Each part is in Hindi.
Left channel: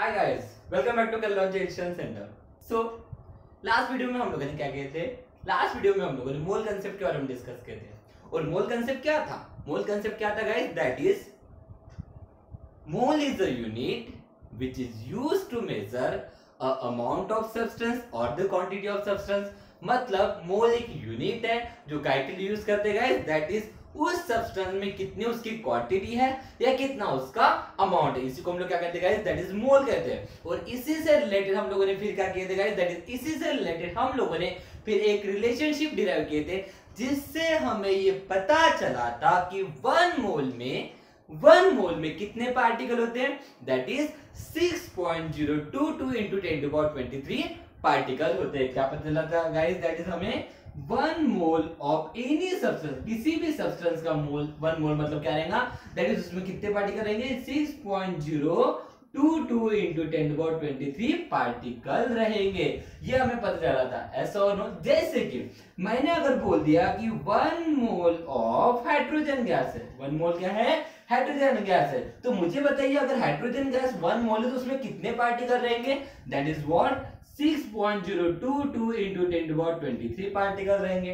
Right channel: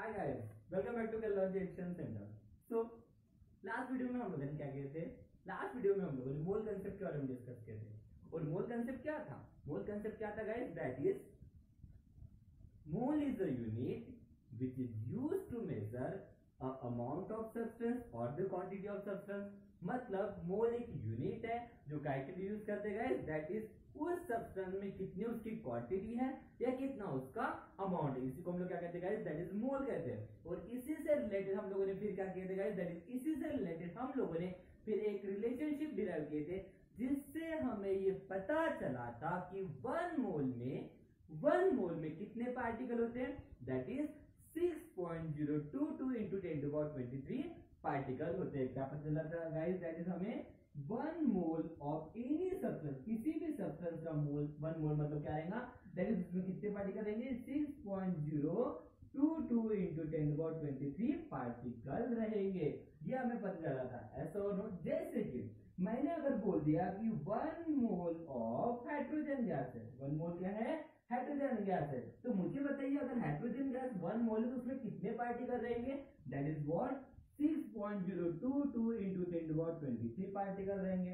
Hi guys, welcome back to Kalyan education centre. So last video में हम लोगों ने क्या किए थे? लास्ट वीडियो में हम लोगों ने मोल कांसेप्ट के बारे में डिस्कस किए थे। और मोल कांसेप्ट क्या था? मोल कांसेप्ट क्या था guys? That is mole is a unit which is used to measure a amount of substance और द क्वांटिटी ऑफ सब्सटेंस। मतलब मोल एक यूनिट है जो काय के लिए यूज करते हैं गाइस, दैट इज उस सब्सटेंस में कितनी उसकी क्वांटिटी है या कितना उसका अमाउंट है। इसी को हम लोग क्या कहते हैं गाइस? दैट इज मोल कहते हैं। और इसी से रिलेटेड हम लोगों ने फिर क्या किए थे गाइस? दैट इज इसी से रिलेटेड हम लोगों ने फिर एक रिलेशनशिप डिराइव किए थे, जिससे हमें ये पता चला था कि वन मोल में कितने पार्टिकल होते हैं? That is 6.022 into 10 to power 23 particle होते हैं। क्या पता चला था गाइस? दैट इज हमें one mole of any substance, किसी भी सब्सटेंस का मोल, वन मोल मतलब क्या रहेगा? दैट इज उसमें कितने पार्टिकल रहेंगे? 6.022 into 10 to power 23 पार्टिकल रहेंगे। ये हमें पता चला था, ऐसा और नो। जैसे कि मैंने अगर बोल दिया कि one mole of hydrogen gas है, वन मोल क्या है? हाइड्रोजन गैस है। तो मुझे बताइए, अगर हाइड्रोजन गैस वन मोल है तो उसमें कितने पार्टिकल रहेंगे? That is what? 6.022 into 10 to power 23 particle रहेंगे।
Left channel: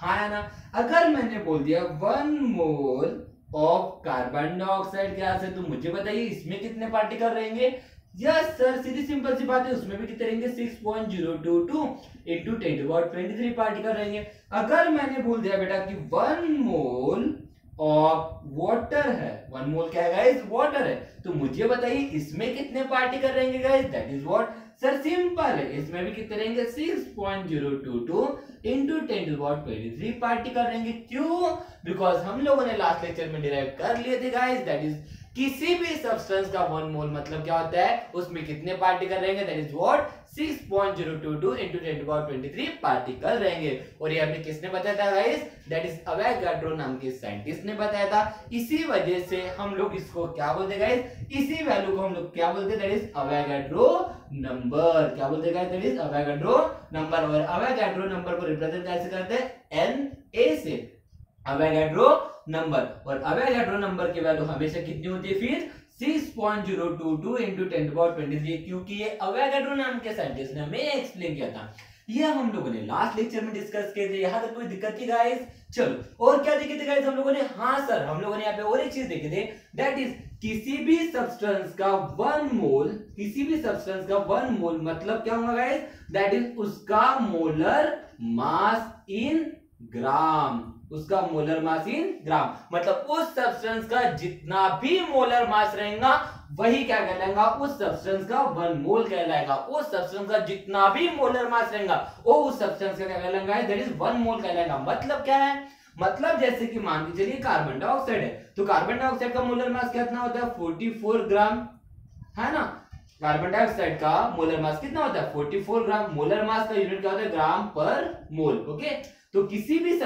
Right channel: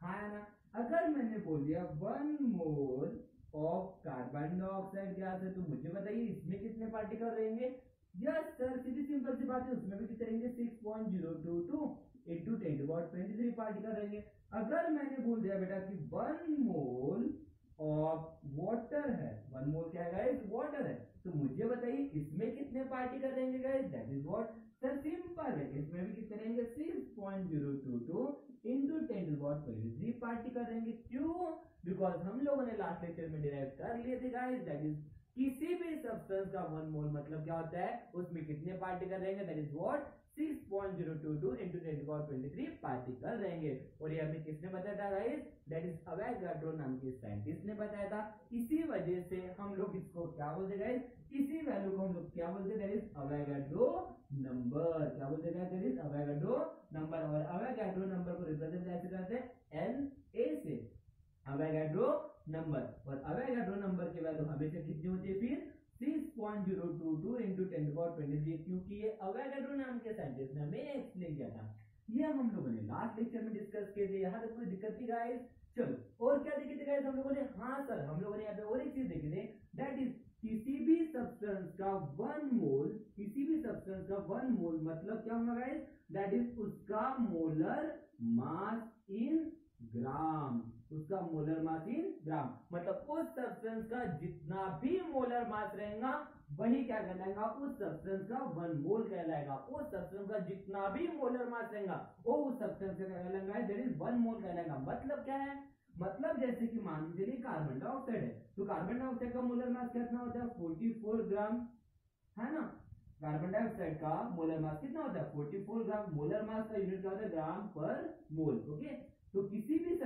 हाँ है ना? अगर मैंने बोल दिया one mole of carbon dioxide gas है, तो मुझे बताइए इसमें कितने पार्टिकल रहेंगे? यस सर, सीधी सिंपल सी बात है, उसमें भी कितने रहेंगे? 6.022 into 10 to power 23 पार्टिकल रहेंगे। अगर मैंने बोल दिया बेटा कि वन मोल ऑफ वाटर है, वन मोल क्या है गाइस? वाटर है, तो मुझे बताइए इसमें कितने पार्टिकल रहेंगे guys? That is what? Sir simple है, इसमें भी कितने रहेंगे? 6.022 into 10 to the power 23 particle रहेंगे। क्यों? बिकॉज हम लोगों ने लास्ट लेक्चर में डिराइव कर लिए थे गाइस, दैट इज किसी भी सब्सटेंस का वन मोल मतलब क्या होता है? उसमें कितने पार्टिकल रहेंगे? That is what? 6.022 into 10 to the power 23 particle रहेंगे। और ये हमें किसने बताया था गाइस? दैट इज अवोगाड्रो नाम के साइंटिस्ट ने बताया था। इसी वजह से हम लोग इसको क्या बोलते हैं गाइस? इसी वैल्यू को हम लोग क्या बोलते हैं? That is Avogadro number. क्या बोलते हैं guys? That is Avogadro number. और अवोगाड्रो नंबर को रिप्रेजेंट कैसे करते हैं? Na से, अवोगाड्रो नंबर। और अवोगाड्रो नंबर की वैल्यू हमेशा कितनी होती है फिर? 6.022 into 10 to the power 23, क्योंकि ये अवोगाड्रो नाम के साइंटिस्ट ने हमें एक्सप्लेन किया था। ये हम लोगों ने लास्ट लेक्चर में डिस्कस किए थे। यहां तक कोई दिक्कत थी गाइस? चलो, और क्या देखे थे गाइस हम लोगों ने? हाँ सर, हम लोगों ने यहाँ पे और एक चीज देखे थे, दैट इज किसी भी सब्सटेंस का वन मोल, किसी भी सब्सटेंस का वन मोल मतलब क्या होगा गाइस? दैट इज उसका मोलर मास इन ग्राम, उसका मोलर मास इन ग्राम। मतलब उस सब्सटेंस का जितना भी मोलर मास रहेगा वही क्या कहलाएगा? उस सब्सटेंस का वन मोल कहलाएगा। उस सब्सटेंस का जितना भी मोलर मास रहेगा वो उस सब्सटेंस का क्या कहलाएगा? दैट इज वन मोल कहलाएगा। मतलब क्या है? मतलब जैसे कि मान के चलिए कार्बन डाइऑक्साइड है, तो कार्बन डाइऑक्साइड का मोलर मास कितना होता है? 44 ग्राम, है ना? कार्बन डाइऑक्साइड का मोलर मास कितना होता है? 44 ग्राम। मोलर मास का यूनिट क्या होता है? ग्राम पर मोल। ओके, तो किसी भी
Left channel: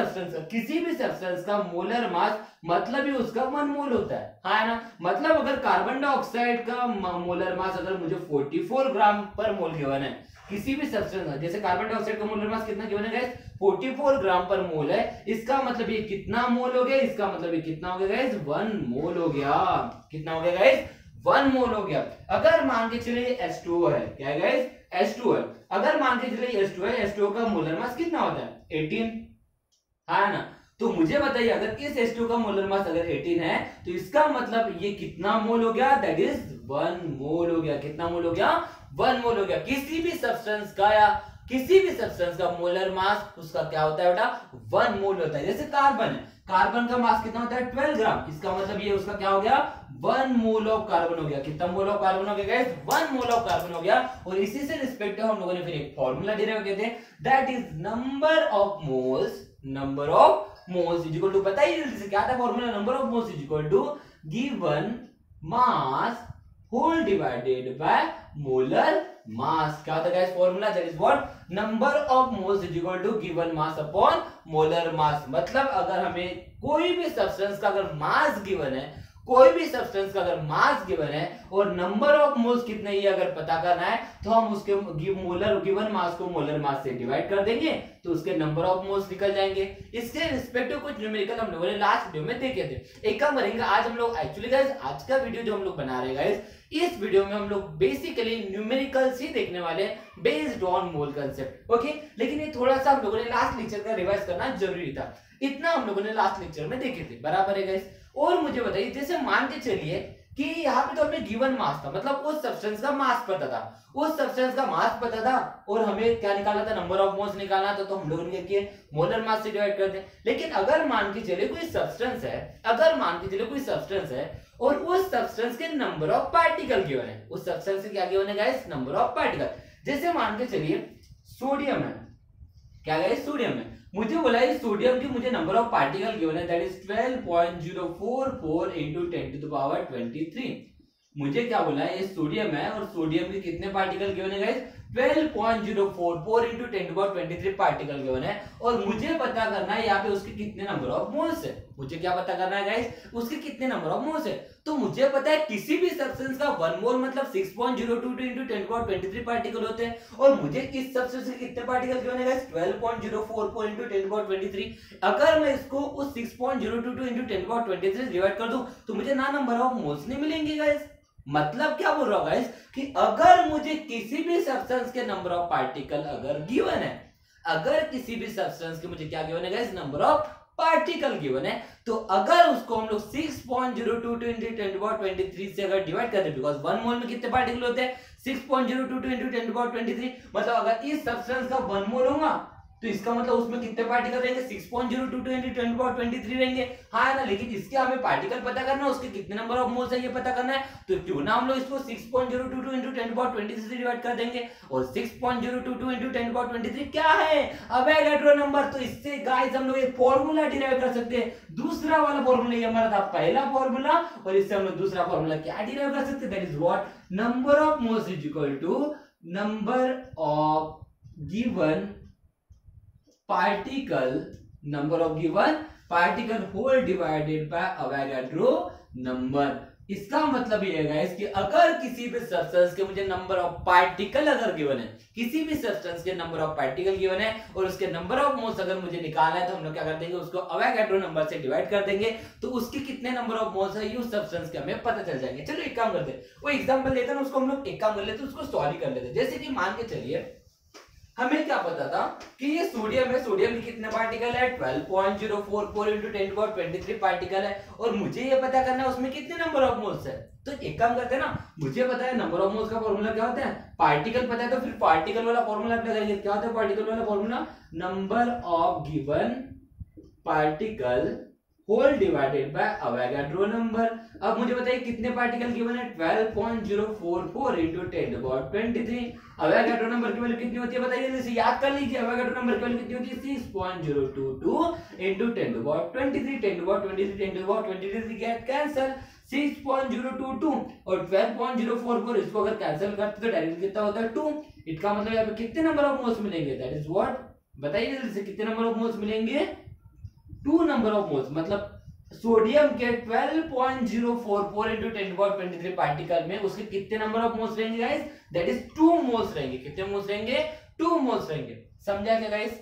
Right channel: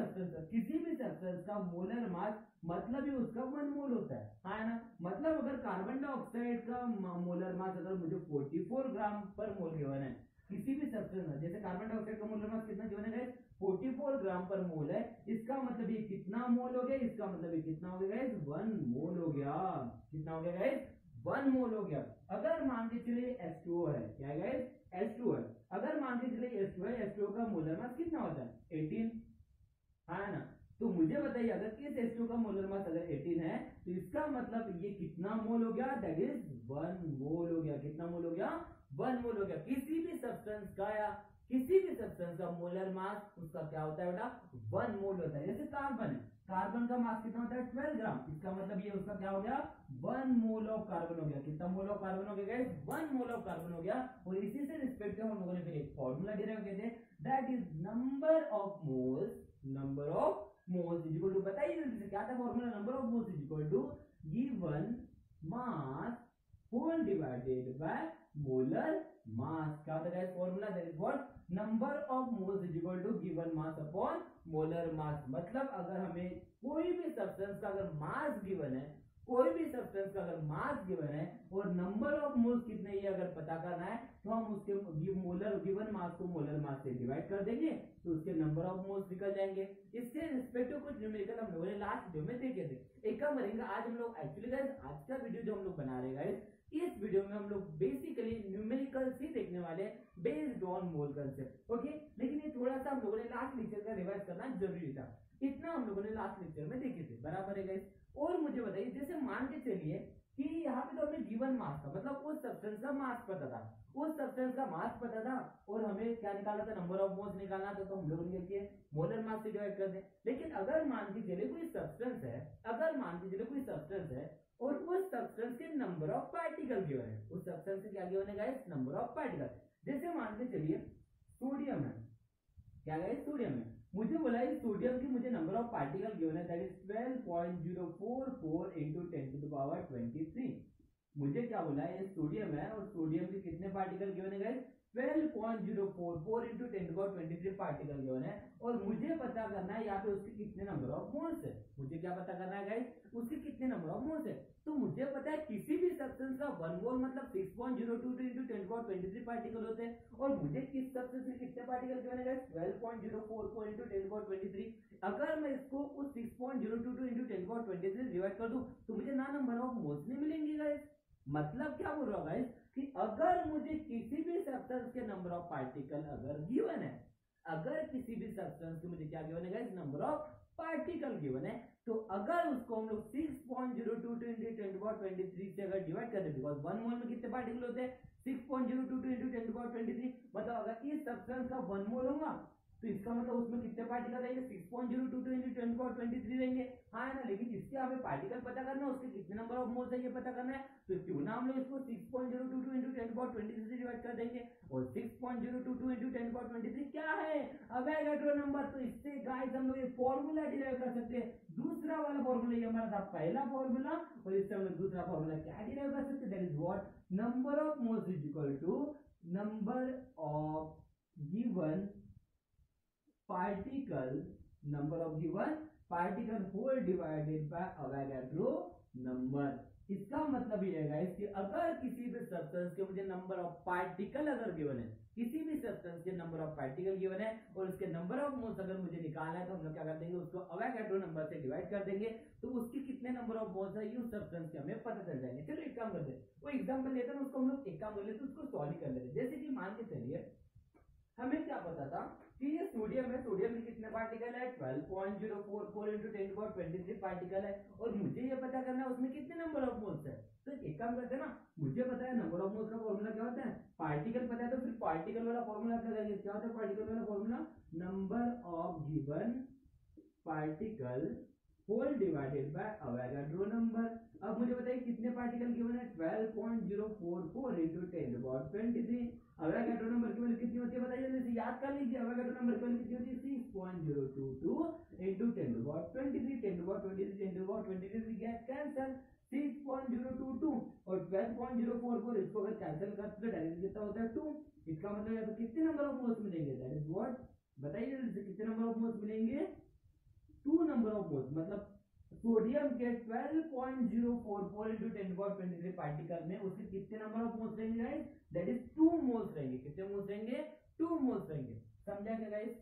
सब्सटेंस का मोलर मास मतलब ही उसका वन मोल होता है, हाँ ना? मतलब अगर कार्बन डाइऑक्साइड का मोलर मास अगर मुझे 44 ग्राम पर मोल गिवन है, किसी भी सब्सटेंस, जैसे कार्बन डाइऑक्साइड का मोलर मास कितना गिवन है गाइस? 44 ग्राम पर मोल है, इसका मतलब ये कितना मोल हो गया? इसका मतलब ये कितना हो गया गाइस? वन मोल हो गया। कितना हो गया गाइस? वन मोल हो गया। अगर मान के चलिए H2O है, क्या है गाइस? H2O है। अगर मान के चलिए H2O है, H2O का मोलर मास कितना होता है? 18, है ना? तो मुझे बताइए, अगर इस H2O का मोलर मास अगर 18 है तो इसका मतलब ये कितना मोल हो गया? दैट इज वन मोल हो गया। कितना मोल हो गया? वन मोल हो गया। किसी भी सब्सटेंस का या किसी भी सब्सटेंस का मोलर मास उसका क्या होता है बेटा? वन मोल होता है। जैसे कार्बन है, कार्बन का मास कितना होता है? 12 ग्राम। इसका मतलब ये उसका क्या हो गया? वन मोल ऑफ कार्बन हो गया। कितना मोल ऑफ कार्बन हो गया guys? One mole of carbon हो गया। और इसी से रिस्पेक्टिव हम लोगों ने फिर एक फॉर्मूला डिराइव किए थे, that is number of moles is equal to, बताइए जल्दी से क्या था formula? Number of moles is equal to given mass whole divided by molar mass. क्या होता है guys formula? That is what? Number of moles is equal to given mass upon molar mass. मतलब अगर हमें कोई भी सब्सटेंस का अगर मास गिवन है कोई भी सब्सटेंस का अगर मास गिवन है और नंबर ऑफ मोल्स कितने ये अगर पता करना है तो हम उसके गिवन मास को मोलर मास से डिवाइड कर देंगे तो उसके नंबर ऑफ मोल्स निकल जाएंगे। इसके रिस्पेक्टिव कुछ न्यूमेरिकल हम लोगों ने लास्ट वीडियो में देखे थे। एक काम करेंगे आज हम लोग एक्चुअली गाइस आज का वीडियो जो हम लोग बना रहे हैं गाइस इस वीडियो में हम लोग बेसिकली न्यूमेरिकल्स ही देखने वाले हैं based on mole concept. Okay, लेकिन ये थोड़ा सा हम लोगों ने लास्ट लेक्चर का रिवाइज करना जरूरी था, इतना हम लोगों ने लास्ट लेक्चर में देखे थे, बराबर है गाइस। और मुझे बताइए जैसे मान के चलिए कि यहाँ पे तो हमें गिवन मास था, मतलब उस सब्सटेंस का मास पता था, उस सब्सटेंस का मास पता था और हमें क्या निकालना था, नंबर ऑफ मोल्स निकालना था, तो हम लोगों ने किया मोलर मास से डिवाइड कर दें। लेकिन अगर मान के चलिए कोई सब्सटेंस है, अगर मान के चलिए कोई सब्सटेंस है और उस सब्सटेंस के नंबर ऑफ पार्टिकल गिवन है, उस सब्सटेंस से क्या गिवन है गाइस, नंबर ऑफ पार्टिकल। जैसे मान के चलिए सोडियम है, क्या गाइस सोडियम है, मुझे बोला है सोडियम की मुझे नंबर ऑफ पार्टिकल गिवन है that is 12.044 into 10 to the power 23। मुझे क्या बोला है ये सोडियम है और सोडियम के कितने पार्टिकल गिवन है guys, 12.044 into 10 to the power 23 particle given है और मुझे पता करना है यहाँ पे उसके कितने नंबर ऑफ मोल्स है। मुझे क्या पता करना है गाइस, उसके कितने नंबर ऑफ मोल्स है। तो मुझे पता है किसी भी सब्सटेंस का 1 मोल मतलब 6.022 into 10 to the power 23 particle होते हैं और मुझे इस सब्सटेंस के कितने पार्टिकल गिवन है guys, 12.044 into 10 to the power 23। अगर मैं इसको उस 6.022 into 10 to the power 23 divide कर दूं तो मुझे ना नंबर ऑफ मोल्स नहीं मिलेंगे गाइस। मतलब क्या बोल रहा हूं गाइस कि अगर मुझे किसी भी सब्सटेंस के नंबर ऑफ पार्टिकल अगर गिवन है, अगर किसी भी सब्सटेंस के मुझे क्या गिवन है guys, number of particle given है, तो अगर उसको हम लोग 6.022 into 10 to the power 23 से अगर डिवाइड कर दे, बिकॉज़ 1 मोल में कितने पार्टिकल होते हैं, 6.022 into 10 to the power 23, मतलब अगर इस सब्सटेंस का 1 मोल होगा तो इसका मतलब उसमें कितने पार्टिकल रहेंगे, 6.022 into 10 to the power 23 रहेंगे, हाँ है ना। लेकिन इसके हमें पार्टिकल पता करना है, उसके कितने नंबर ऑफ मोल्स है ये पता करना है, तो क्यों ना हम लोग इसको 6.022 into 10 to the power 23 से डिवाइड कर देंगे। और 6.022 into 10 to the power 23 क्या है, अवोगाड्रो नंबर। तो इससे गाइस हम लोग एक फॉर्मूला डिराइव कर सकते हैं, दूसरा वाला फॉर्मूला ये हमारा था पहला फॉर्मूला और इससे हम लोग दूसरा फॉर्मूला क्या डिराइव कर सकते हैं, that is what, number of moles is equal to number of given particle, number of given particle whole divided by Avogadro number. इसका मतलब ये है गाइस कि अगर किसी भी सब्सटेंस के मुझे नंबर ऑफ पार्टिकल अगर गिवन है, किसी भी सब्सटेंस के नंबर ऑफ पार्टिकल गिवन है और उसके नंबर ऑफ मोल्स अगर मुझे निकालना है तो हम लोग क्या कर देंगे, उसको अवोगाड्रो नंबर से डिवाइड कर देंगे तो उसके कितने नंबर ऑफ मोल्स है ये उस सब्सटेंस के हमें पता चल जाएंगे। चलो एक काम करते हैं, वो एग्जांपल लेते हैं उसको हम लोग एक काम कर लेते हैं, उसको सॉल्व कर लेते हैं। जैसे कि मान के चलिए हमें क्या पता था कि ये सोडियम है, सोडियम के कितने पार्टिकल है, 12.044 into 10 to the power 23 particle है और मुझे ये पता करना है उसमें कितने नंबर ऑफ मोल्स है। तो एक काम करते हैं ना, मुझे पता है नंबर ऑफ मोल्स का फॉर्मूला क्या होता है, पार्टिकल पता है तो फिर पार्टिकल वाला फॉर्मूला अप्लाई करेंगे। क्या होता है पार्टिकल वाला formula, number of given particle whole divided by Avogadro number. अब मुझे बताइए कितने पार्टिकल गिवन है, 12.044 into 10 to the power 23। Avogadro number की वैल्यू कितनी होती है बताइए, जैसे याद कर लीजिए अवोगाड्रो नंबर की वैल्यू कितनी होती है, 6.022 into 10 to the power 23, 10 to the power 23, 10 to the power 23 get cancel, 6.022 और 12.044 इसको अगर कैंसिल करते तो डायरेक्ट कितना होता है 2। इसका मतलब यहाँ पे कितने नंबर ऑफ मोल्स मिलेंगे, दैट इज व्हाट, बताइए जल्दी से कितने नंबर ऑफ मोल्स मिलेंगे, 2 नंबर ऑफ मोल्स। मतलब सोडियम के 12.044 into 10 to the power 23 particle में उसके कितने नंबर ऑफ मोल्स रहेंगे गाइस, दैट इज 2 मोल्स रहेंगे। कितने मोल्स रहेंगे, 2 मोल्स रहेंगे। समझा क्या गाइस,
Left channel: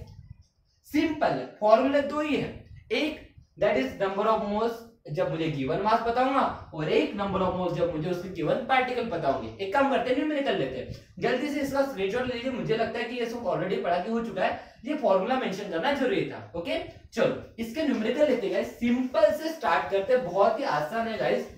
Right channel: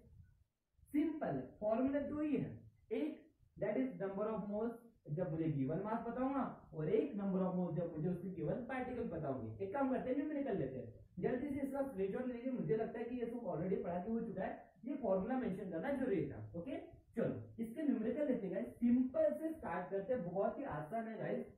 सिंपल है, फॉर्मूला दो ही है, एक that is number of moles जब मुझे गिवन मास पता होगा और एक नंबर ऑफ मोल्स जब मुझे उसके गिवन पार्टिकल पता होंगे। एक काम करते हैं न्यूमेरिकल लेते हैं, जल्दी से इसका स्क्रीनशॉट ले लीजिए, मुझे लगता है कि ये सब ऑलरेडी पढ़ा के हो चुका है, ये फॉर्मूला मेंशन करना जरूरी था। ओके चलो इसके न्यूमेरिकल लेते हैं गाइस, सिंपल से स्टार्ट करते हैं, बहुत ही आसान है गाइस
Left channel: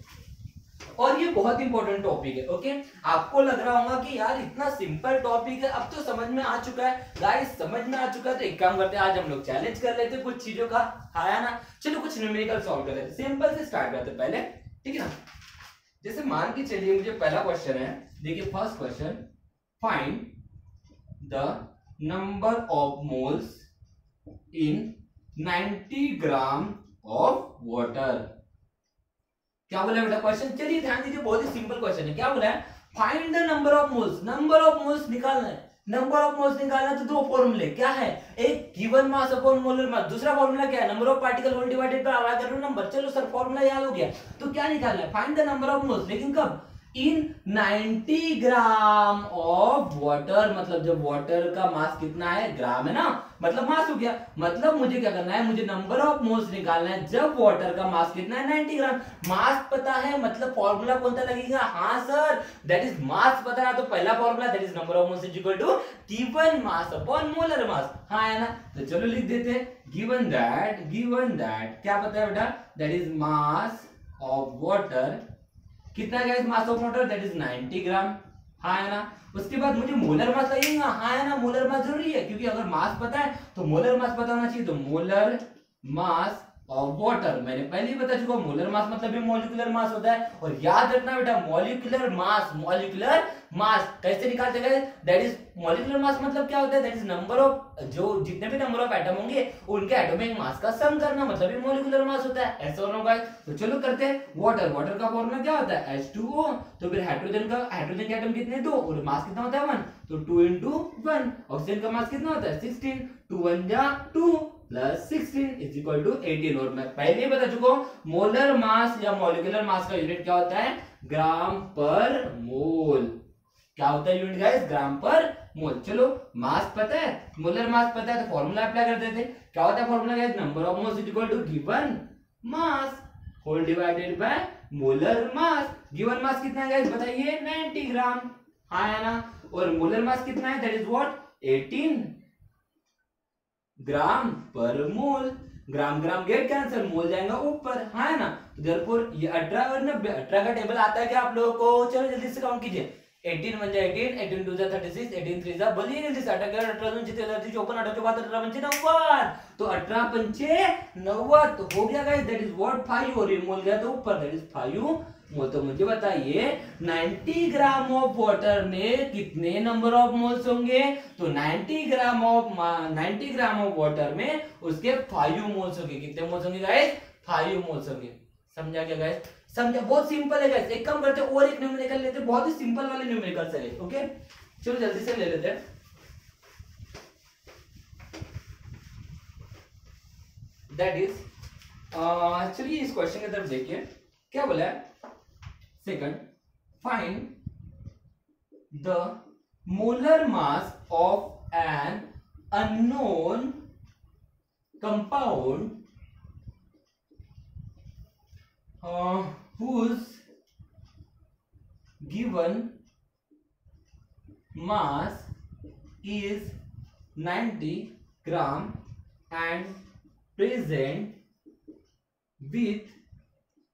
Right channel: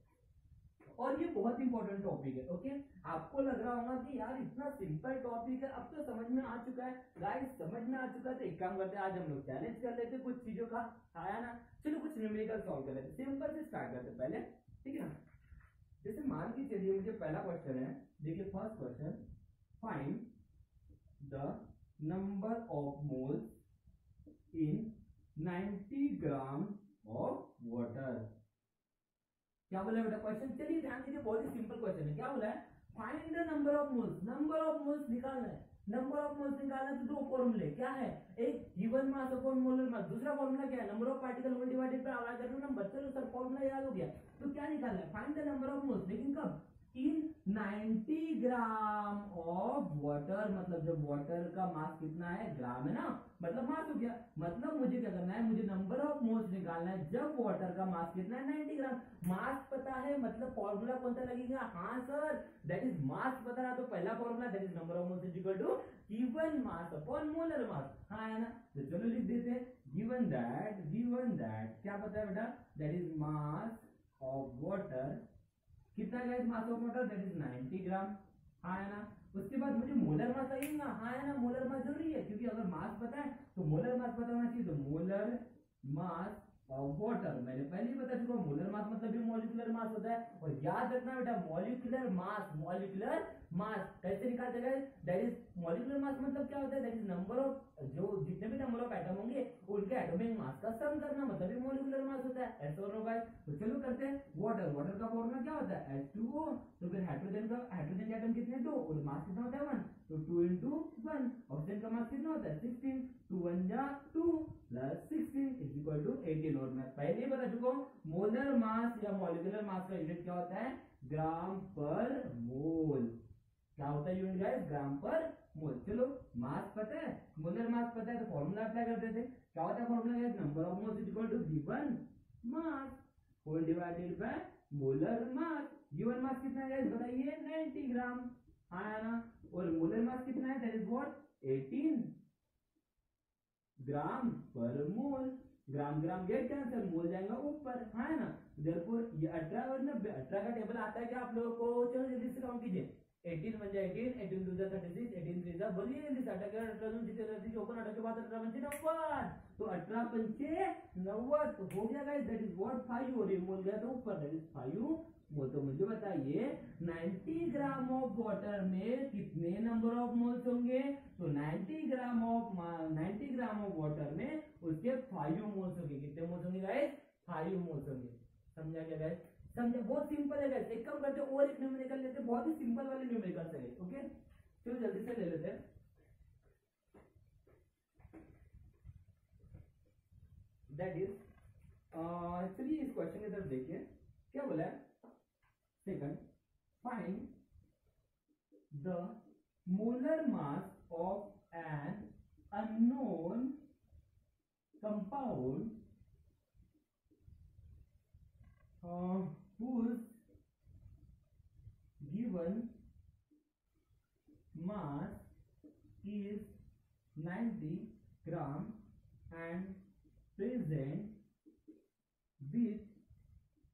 और ये बहुत इंपॉर्टेंट टॉपिक है। ओके आपको लग रहा होगा कि यार इतना सिंपल टॉपिक है, अब तो समझ में आ चुका है गाइस, समझ में आ चुका है। तो एक काम करते हैं आज हम लोग चैलेंज कर लेते हैं कुछ चीजों का, आया ना, चलो कुछ न्यूमेरिकल सॉल्व कर लेते हैं। सिंपल से स्टार्ट करते हैं पहले, ठीक है ना। जैसे मान के चलिए मुझे पहला क्वेश्चन है, देखिए first question, find the number of moles in 90 gram of water. क्या बोला बेटा क्वेश्चन, चलिए ध्यान दीजिए, बहुत ही सिंपल क्वेश्चन है। क्या बोला है, find the number of moles, number of moles निकालना है। नंबर ऑफ मोल्स निकालना तो दो फॉर्मूले क्या है, एक given mass upon molar mass, दूसरा फॉर्मूला क्या है, number of particle whole divided by Avogadro number. चलो सर फॉर्मूला याद हो गया, तो क्या निकालना है, find the number of moles, लेकिन कब, इन 90 ग्राम ऑफ वाटर, मतलब जब वाटर का मास कितना है, ग्राम है ना, मतलब मास हो गया, मतलब मुझे क्या करना है, मुझे नंबर ऑफ मोल्स निकालना है जब वाटर का मास कितना है, 90 ग्राम। मास पता है, मतलब फॉर्मूला कौन सा लगेगा, हाँ सर दैट इज मास पता है, तो पहला formula that is number of moles is equal to given mass upon molar mass, हाँ है ना, तो चलो लिख देते हैं, गिवन दैट क्या पता है बेटा, that is mass of water, कितना guys mass of water, that is 90 gram, हाँ है ना। उसके बाद मुझे मोलर मास लगेगा, हाँ है ना, मोलर मास जरूरी है, क्योंकि अगर मास पता है तो मोलर मास पता होना चाहिए, तो मोलर मास ऑफ वाटर मैंने पहले ही बता चुका हूं, मोलर मास मतलब भी मॉलिक्यूलर मास होता है, और याद रखना बेटा मॉलिक्यूलर मास कैसे निकालते हैं, दैट इज मॉलिक्यूलर मास मतलब क्या होता है, दैट इज नंबर ऑफ, जो जितने भी नंबर ऑफ एटम होंगे उनके एटॉमिक मास का सम करना, मतलब भी मॉलिक्यूलर मास होता है, ऐसा होना गाइस। तो चलो करते हैं, वाटर का फॉर्मूला क्या होता है, H2O, तो फिर हाइड्रोजन के एटम कितने, दो, और मास कितना होता है 1, तो 2 into 1, ऑक्सीजन का मास कितना होता है 16, 2 1 जा 2 प्लस 16 इज इक्वल टू 18, और मैं पहले ही बता चुका हूं मोलर मास या मॉलिक्यूलर मास का यूनिट क्या होता है, ग्राम पर मोल, क्या होता है यूनिट गाइस, ग्राम पर मोल। चलो मास पता है, मोलर मास पता है, तो फॉर्मूला अप्लाई कर देते, क्या होता है formula guys, number of moles is equal to given mass whole divided by molar mass. Given mass कितना है गाइस बताइए, 90 ग्राम, हाँ है ना, और मोलर मास कितना है, दैट इज व्हाट 18 ग्राम पर मोल, ग्राम ग्राम गेट कैंसिल, मोल जाएगा ऊपर, हाँ है ना, तो देयरफॉर ये 18 और 90, 18 का टेबल आता है क्या आप लोगों को, चलो जल्दी से काउंट कीजिए, 18 1 जा 18, 18 2 जा 36, 18 3 जा, बोलिए जल्दी से, 18 18 2 जितने 54 18 के बाद 18 पंचे 90, तो 18 पंचे 90 तो हो गया गाइस, दैट इज व्हाट 5, और ये मोल गया तो ऊपर, दैट इज 5 मोल। तो मुझे बताइए 90 ग्राम ऑफ वाटर में कितने नंबर ऑफ मोल्स होंगे, तो 90 ग्राम ऑफ वाटर में उसके 5 मोल्स होंगे, कितने मोल्स होंगे गाइस, 5 मोल्स होंगे, समझा क्या गाइस, समझा, बहुत सिंपल है गाइस, एक काम करते और एक न्यूमेरिकल लेते, बहुत ही सिंपल वाले न्यूमेरिकल से, ओके चलो जल्दी से ले लेते हैं, दैट इज चलिए इस क्वेश्चन की तरफ देखिए, क्या बोला है, second, find the molar mass of an unknown compound whose given mass is 90 gram and present with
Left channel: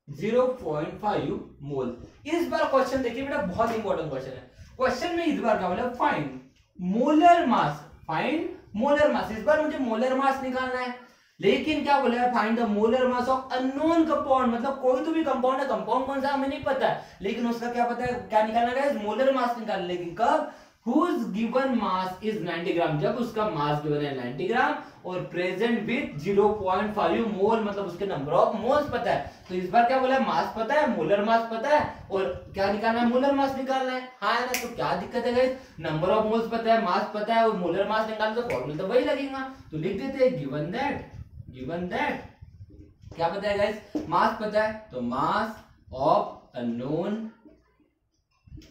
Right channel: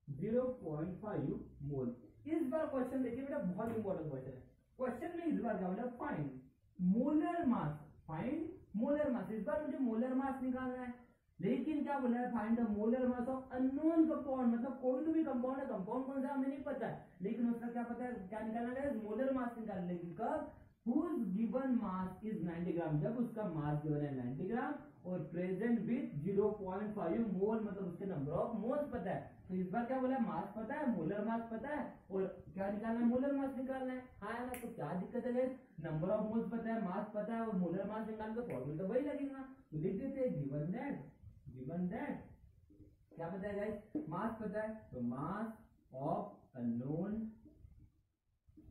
0.5 मोल। इस बार क्वेश्चन देखिए बेटा, बहुत इंपॉर्टेंट क्वेश्चन है, क्वेश्चन में इस बार क्या बोला, find molar mass, find molar mass, इस बार मुझे मोलर मास निकालना है, लेकिन क्या बोला है, find the molar mass of unknown compound, मतलब कोई तो भी कंपाउंड है, कंपाउंड कौन सा हमें नहीं पता है, लेकिन उसका क्या पता है, क्या निकालना है, मोलर मास निकालना, लेकिन कब, whose given mass is 90 ग्राम, जब उसका मास गिवन है 90 ग्राम और प्रेजेंट विथ 0.5 मोल, मतलब उसके नंबर ऑफ मोल्स पता है, तो इस बार क्या बोला है, मास पता है, मोलर मास पता है, और क्या निकालना है, मोलर मास निकालना है, हाँ है ना, तो क्या दिक्कत है गाइस, नंबर ऑफ मोल्स पता है, मास पता है, और मोलर मास निकालना, तो फॉर्मूला तो वही लगेगा, तो लिख देते हैं गिवन दैट क्या पता है गाइस, मास पता है, तो मास ऑफ अननोन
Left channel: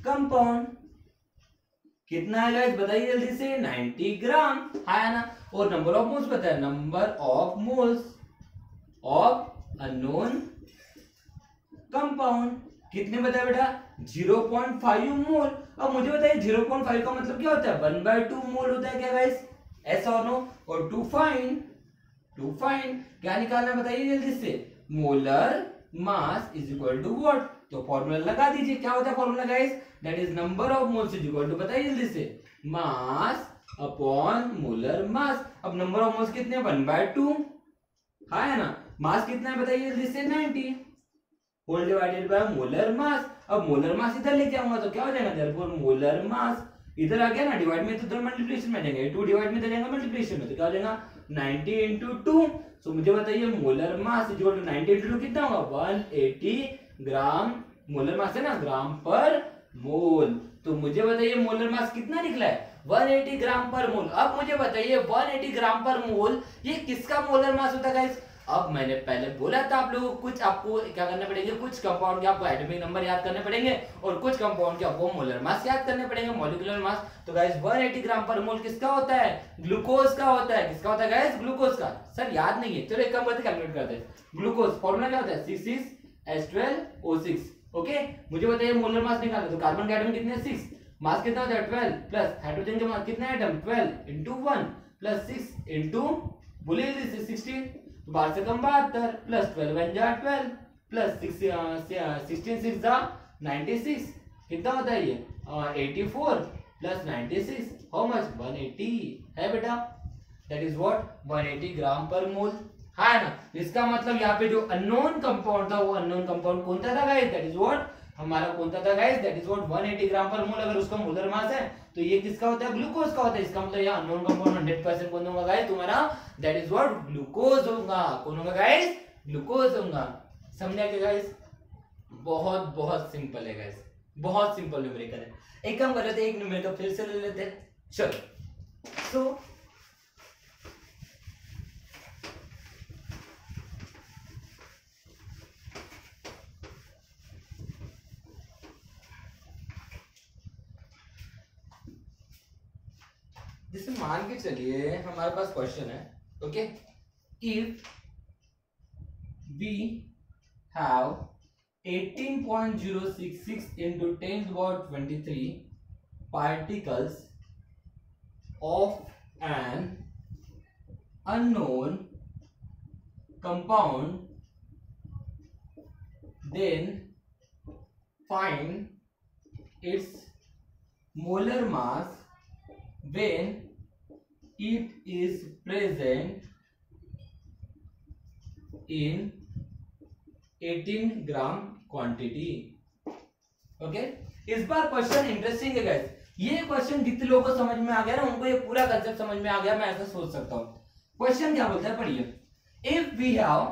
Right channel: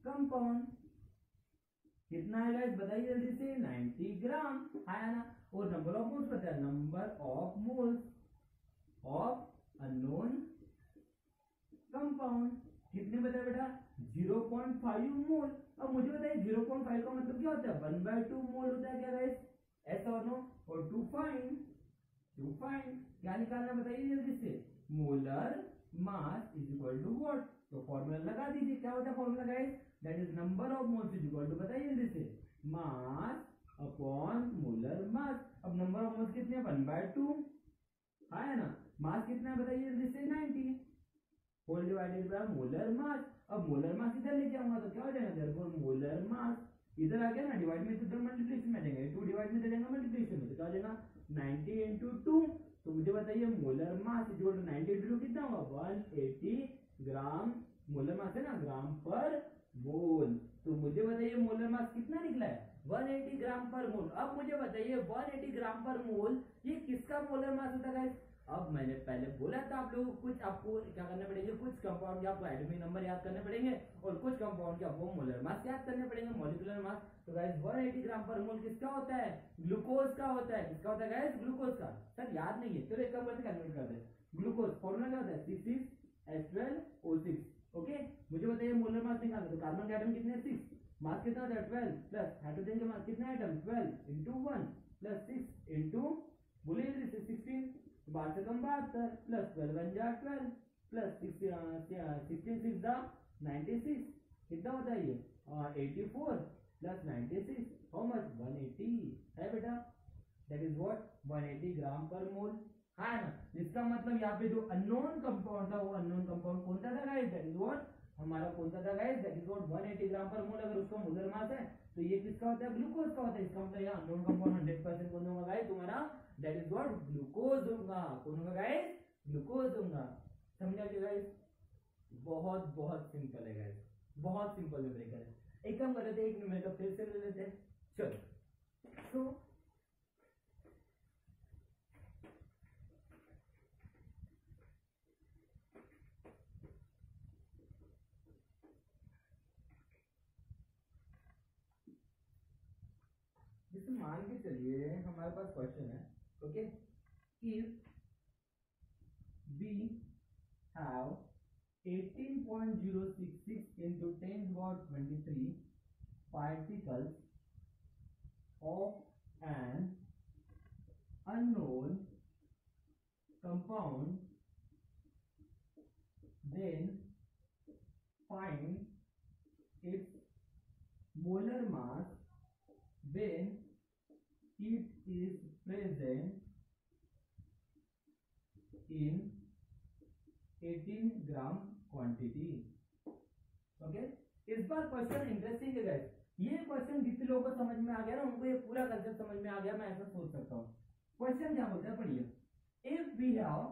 कंपाउंड कितना है गाइस बताइए जल्दी से, 90 ग्राम, है ना, और नंबर ऑफ मोल्स पता है, number of moles of unknown compound कितने बताया बेटा, 0.5 मोल। अब मुझे बताइए 0.5 का मतलब क्या होता है, 1/2 मोल होता है क्या गाइस, ऐसा और नो, और टू फाइंड क्या निकालना बताइए जल्दी से, molar mass is equal to what, तो फॉर्मूला लगा दीजिए, क्या होता है formula guys, that is number of moles is equal to, बताइए जल्दी से, मास अपॉन मोलर मास। अब नंबर ऑफ मोल्स कितने, 1/2, हाँ है ना, मास कितना है बताइए जल्दी से, 90 whole divided by molar mass. अब मोलर मास इधर लेके आऊंगा तो क्या हो जाएगा, देयरफॉर मोलर मास इधर आ गया ना, डिवाइड में तो इधर मल्टीप्लिकेशन में जाएंगे, 2 डिवाइड में तो जाएगा मल्टीप्लिकेशन में, तो क्या हो जाएगा 90 into 2। सो मुझे बताइए molar mass is equal to 90 into 2 कितना होगा, 180 ग्राम, मोलर मास है ना, ग्राम पर मोल। तो मुझे बताइए मोलर मास कितना निकला है, 180 ग्राम पर मोल। अब मुझे बताइए 180 ग्राम पर मोल ये किसका मोलर मास होता है गाइस? अब मैंने पहले बोला था आप लोगों को कुछ आपको क्या करना पड़ेगा, कुछ कंपाउंड के आपको एटॉमिक नंबर याद करने पड़ेंगे और कुछ कंपाउंड के आपको मोलर मास याद करने पड़ेंगे, मॉलिक्यूलर मास। तो गाइस 180 ग्राम पर मोल किसका होता है? ग्लूकोज का होता है। किसका होता है गाइस? ग्लूकोज का। सर याद नहीं है, चलो एक काम करते कैलकुलेट करते हैं। ग्लूकोज फॉर्मूला क्या होता है? 6H12O6। ओके, मुझे बताइए मोलर मास निकालना। तो कार्बन के एटम कितने हैं? 6। मास कितना होता है? 12 प्लस हाइड्रोजन के मास कितने एटम? 12 इंटू 1 प्लस 6 इंटू बोलिए 16, तो 12 से कम 72 प्लस 12 1 जा 12 प्लस 16 6 जा 96। कितना होता है ये? 84 प्लस 96 हाउ मच? 180 है बेटा। दैट इज व्हाट 180 ग्राम पर मोल। हाँ है ना? इसका मतलब यहाँ पे जो अननोन कंपाउंड था वो अननोन कंपाउंड कौन सा था गाइस? दैट इज व्हाट हमारा कौन सा था गाइस? दैट इज व्हाट 180 ग्राम पर मोल। अगर उसका मोलर मास है तो ये किसका होता है? ग्लूकोज का होता है। इसका मतलब यहाँ अननोन कंपाउंड 100% कौन होगा गाइस? तुम्हारा दैट इज व्हाट ग्लूकोज होगा। कौन होगा गाइस? ग्लूकोज होगा। समझा क्या गाइस? बहुत बहुत सिंपल है गाइस, बहुत सिंपल न्यूमेरिकल है। एक काम कर लेते हैं, एक न्यूमेरिकल फिर से ले लेते हैं। चलो सो जैसे मान के चलिए हमारे पास क्वेश्चन है, okay, if we have 18.066 into 10 to the power 23 particles of an unknown compound, then find its molar mass when it is present in 18 gram quantity. Okay, इस बार क्वेश्चन इंटरेस्टिंग है गाइस। ये क्वेश्चन जितने लोगों को समझ में आ गया ना उनको ये पूरा कंसेप्ट समझ में आ गया, मैं ऐसा सोच सकता हूं। क्वेश्चन क्या बोलता है पढ़िए, if we have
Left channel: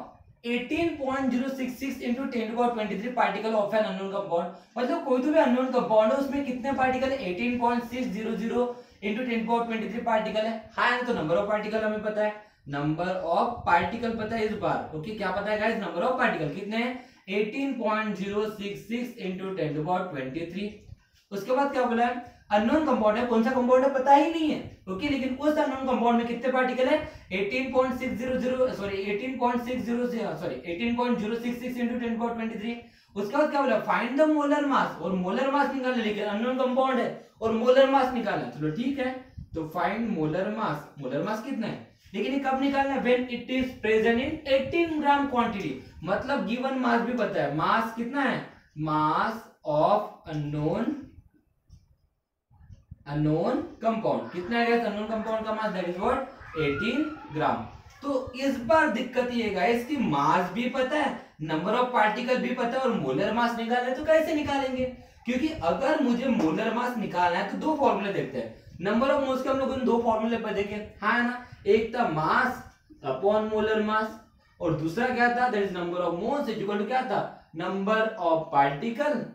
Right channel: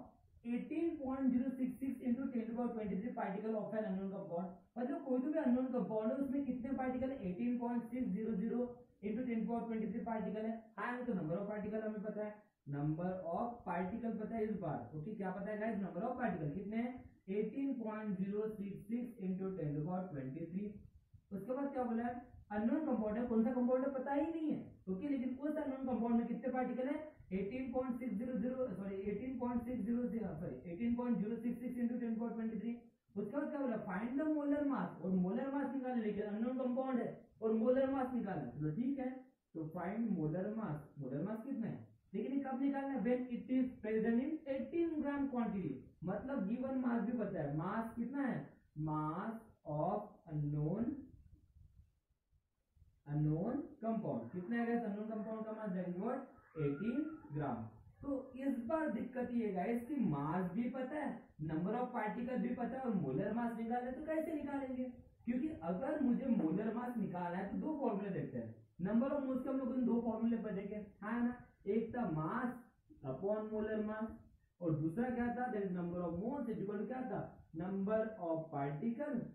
18.066 into 10 to the power 23 particle of an unknown compound, मतलब कोई तो भी अननोन कंपाउंड है उसमें कितने पार्टिकल है? 18.600 into 10 to the power 23 particle है। हाँ, तो नंबर ऑफ पार्टिकल हमें पता है, नंबर ऑफ पार्टिकल पता है इस बार। ओके, क्या पता है गाइस? नंबर ऑफ पार्टिकल कितने हैं? 18.066 into 10 to the power 23। उसके बाद क्या बोला है? अननोन कंपाउंड है, कौन सा कंपाउंड है पता ही नहीं है। ओके, लेकिन उस अननोन कंपाउंड में कितने पार्टिकल है? 18.600 sorry 18.066 into 10 to the power 23। उसके बाद क्या बोला? फाइंड द मोलर मास, और मोलर मास निकालना, लेकिन अननोन कंपाउंड है और मोलर मास निकालना। चलो ठीक है, तो find molar mass. Molar mass कितना है, लेकिन ये कब निकालना है? When it is present in 18 gram quantity. मतलब गिवन मास भी पता है, मास कितना है? मास ऑफ अननोन कंपाउंड कितना है? अननोन कंपाउंड का मास दैट इज व्हाट 18 ग्राम। तो इस बार दिक्कत ये गाइस कि मास भी पता है, नंबर ऑफ पार्टिकल भी पता है और मोलर मास निकालना है। तो कैसे निकालेंगे? क्योंकि अगर मुझे मोलर मास निकालना है तो दो फॉर्मूले देखते हैं। नंबर ऑफ मोल्स के हम लोग इन दो फॉर्मूले पर देखे, हाँ ना? एक था मास अपॉन मोलर मास और दूसरा क्या था? That is number of moles equal to क्या था? Number of particle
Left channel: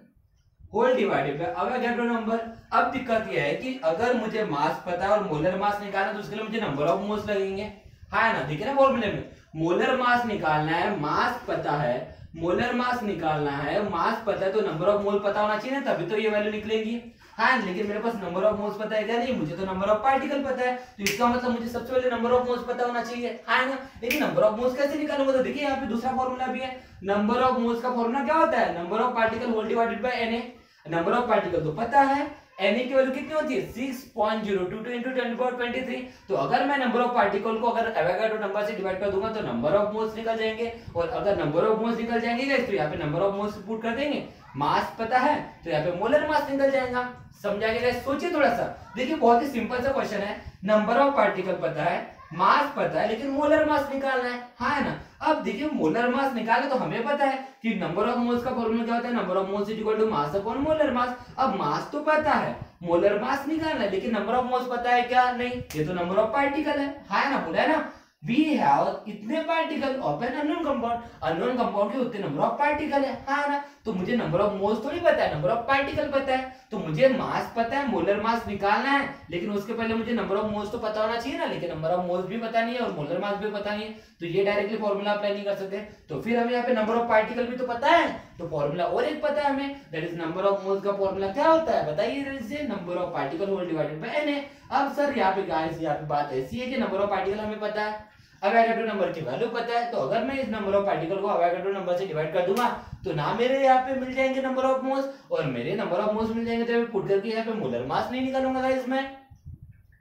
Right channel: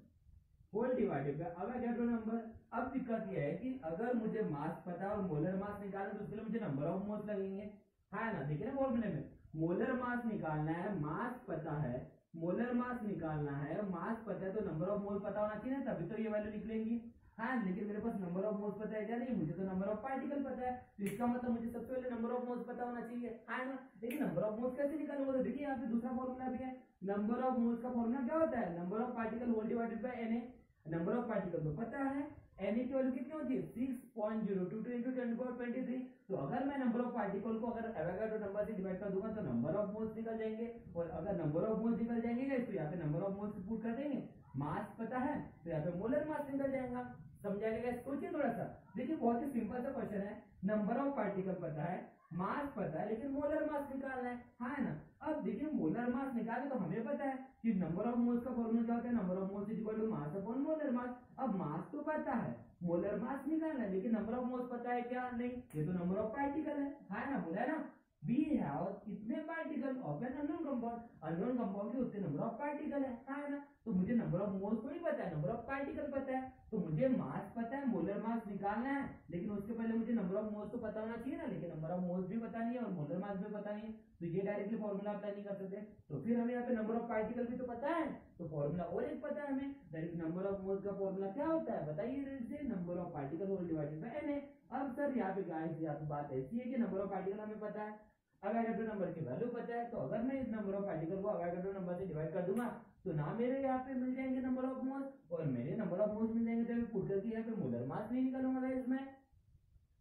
whole divided by Avogadro number. अब दिक्कत यह है कि अगर मुझे मास पता है और मोलर मास निकालना है तो उसके लिए मुझे नंबर ऑफ मोल्स लगेंगे, है ना? देखिए ना फॉर्मूले में मोलर मास निकालना है, मास पता है, मोलर मास निकालना है, मास पता है, तो नंबर ऑफ मोल पता होना चाहिए ना, तभी तो ये वैल्यू निकलेगी। हाँ, लेकिन मेरे पास नंबर ऑफ मोल्स पता है क्या? नहीं, मुझे तो नंबर ऑफ पार्टिकल पता है, तो इसका मतलब मुझे सबसे पहले नंबर ऑफ मोल्स पता होना चाहिए, है ना? लेकिन नंबर ऑफ मोल्स कैसे निकालूंगा? तो देखिए यहाँ पे दूसरा फॉर्मूला भी है। नंबर ऑफ मोल्स का फॉर्मूला क्या होता है? Number of particle whole divided by Na। Number of particle तो पता है, Na की वैल्यू कितनी होती है? 6.022 into 10 to the power 23। तो अगर मैं नंबर ऑफ पार्टिकल को अगर एवोगाड्रो नंबर से डिवाइड कर दूंगा तो नंबर ऑफ मोल्स निकल जाएंगे, और अगर नंबर ऑफ मोल्स निकल जाएंगे तो यहाँ पे नंबर ऑफ मोल्स पुट कर देंगे, मास पता है तो यहाँ पे मोलर मास निकल जाएगा। समझा गया? सोचिए थोड़ा सा, देखिए बहुत ही सिंपल सा क्वेश्चन है, नंबर ऑफ पार्टिकल पता है, मास पता है, लेकिन मोलर मास निकालना है, हाँ है ना? अब देखिए मोलर मास निकालना तो हमें पता है कि नंबर ऑफ मोल्स का फॉर्मूला क्या होता है? Number of moles equal to mass upon molar mass. अब मास तो पता है, मोलर मास निकालना है, लेकिन नंबर ऑफ मोल्स पता है क्या? नहीं, ये तो नंबर ऑफ पार्टिकल है ना? बोला है ना? वी हैव इतने particle of an unknown compound, unknown compound के उतने नंबर ऑफ पार्टिकल है, हाँ ना। तो मुझे नंबर ऑफ मोल्स थोड़ी पता है, नंबर ऑफ पार्टिकल पता है। तो मुझे मास पता है, मोलर मास निकालना है, लेकिन उसके पहले मुझे नंबर ऑफ मोल्स तो पता होना चाहिए ना, लेकिन नंबर ऑफ मोल्स भी पता नहीं है और मोलर मास भी पता नहीं है, तो ये डायरेक्टली फॉर्मूला अप्लाई नहीं कर सकते। तो फिर हमें यहाँ पे नंबर ऑफ पार्टिकल भी तो पता है, तो फॉर्मूला और एक पता है हमें, that is number of moles का फॉर्मूला क्या होता है बताइए जल्दी, number of particle whole divided by Na। अब सर यहाँ पे गाइस यहाँ पे बात ऐसी है कि नंबर ऑफ पार्टिकल हमें पता है, अवोगाड्रो नंबर की वैल्यू पता है, तो अगर मैं इस नंबर ऑफ पार्टिकल को अवोगाड्रो नंबर से डिवाइड कर दूंगा तो ना मेरे यहाँ पे मिल जाएंगे नंबर ऑफ मोल्स, और मेरे नंबर ऑफ मोल्स मिल जाएंगे तो मैं पुट करके यहाँ पे मोलर मास नहीं निकालूंगा गाइस मैं,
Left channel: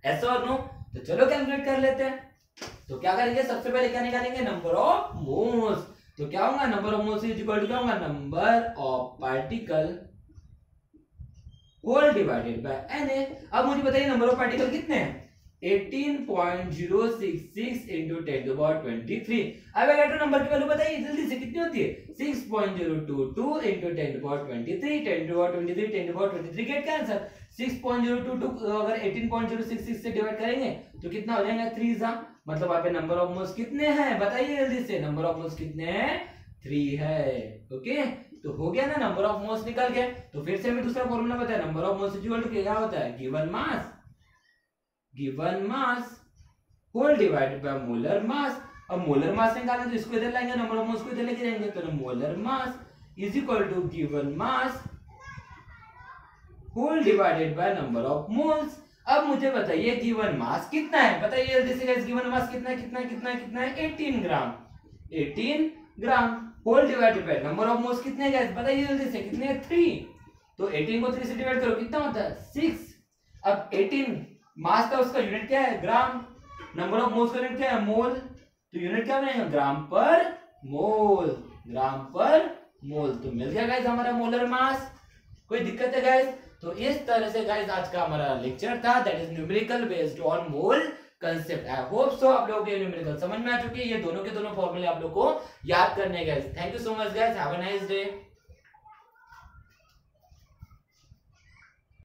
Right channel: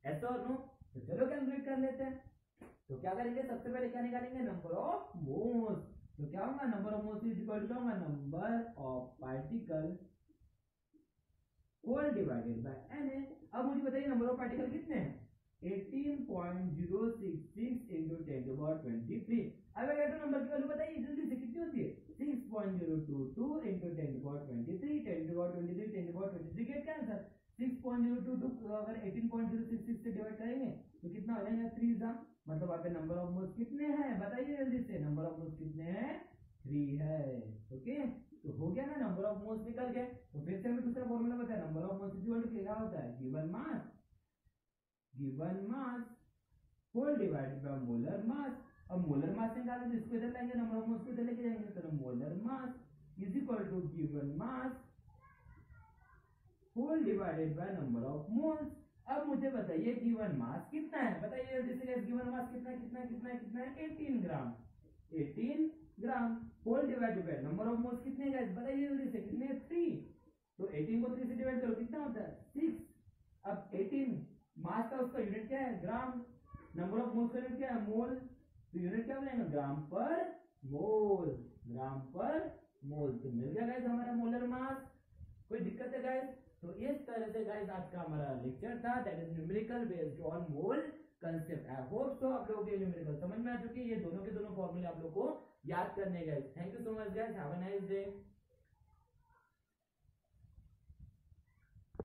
ऐसा और नो। तो चलो कैलकुलेट कर लेते हैं। तो क्या करेंगे, सबसे पहले क्या निकालेंगे, नंबर ऑफ मोल्स। तो क्या होगा, number of moles is equal to क्या होगा, number of particle whole divided by Na। अब मुझे बताइए नंबर ऑफ पार्टिकल कितने हैं, 18.066 into 10 to the power 23। Avogadro number की वैल्यू बताइए जल्दी से, कितनी होती है, 6.022 into 10 to the power 23, 10 to the power 23, 10 to the power 23 gate का आंसर 6.022 अगर 18.066 से डिवाइड करेंगे तो कितना हो जाएगा, 3 सा, मतलब वहां पे नंबर ऑफ मोल्स कितने हैं बताइए जल्दी से, नंबर ऑफ मोल्स कितने हैं, 3 है। ओके, तो हो गया ना, नंबर ऑफ मोल्स निकल गए। तो फिर से हमें दूसरा फॉर्मूला पता है, number of moles equal to क्या होता है, given mass whole divided by molar mass. अब मोलर मास निकालना तो इसको इधर लाएंगे, नंबर ऑफ मोल्स को इधर लेके जाएंगे, तो molar mass is equal to given mass whole divided by number of moles. अब मुझे बताइए गिवन मास कितना है, बताइए जल्दी से गाइस, गिवन मास कितना है, कितना है, कितना है, कितना है, 18 gram, 18 gram whole divided by number of moles कितने हैं गाइस बताइए जल्दी से, कितने हैं, 3। तो 18 को 3 से डिवाइड करो कितना होता है, 6। अब 18 मास का उसका यूनिट क्या है, ग्राम, नंबर ऑफ मोल्स का यूनिट क्या है, मोल, तो यूनिट क्या बनेगा, ग्राम पर मोल, ग्राम पर मोल। तो मिल गया गाइस हमारा मोलर मास। कोई दिक्कत है गाइस? तो इस तरह से गाइस आज का हमारा लेक्चर था, that is numerical based on mole concept. I hope so आप लोगों को ये न्यूमेरिकल समझ में आ चुकी है, ये दोनों के दोनों फॉर्मूले आप लोगों को याद करने guys. Thank you so much guys, have a nice day.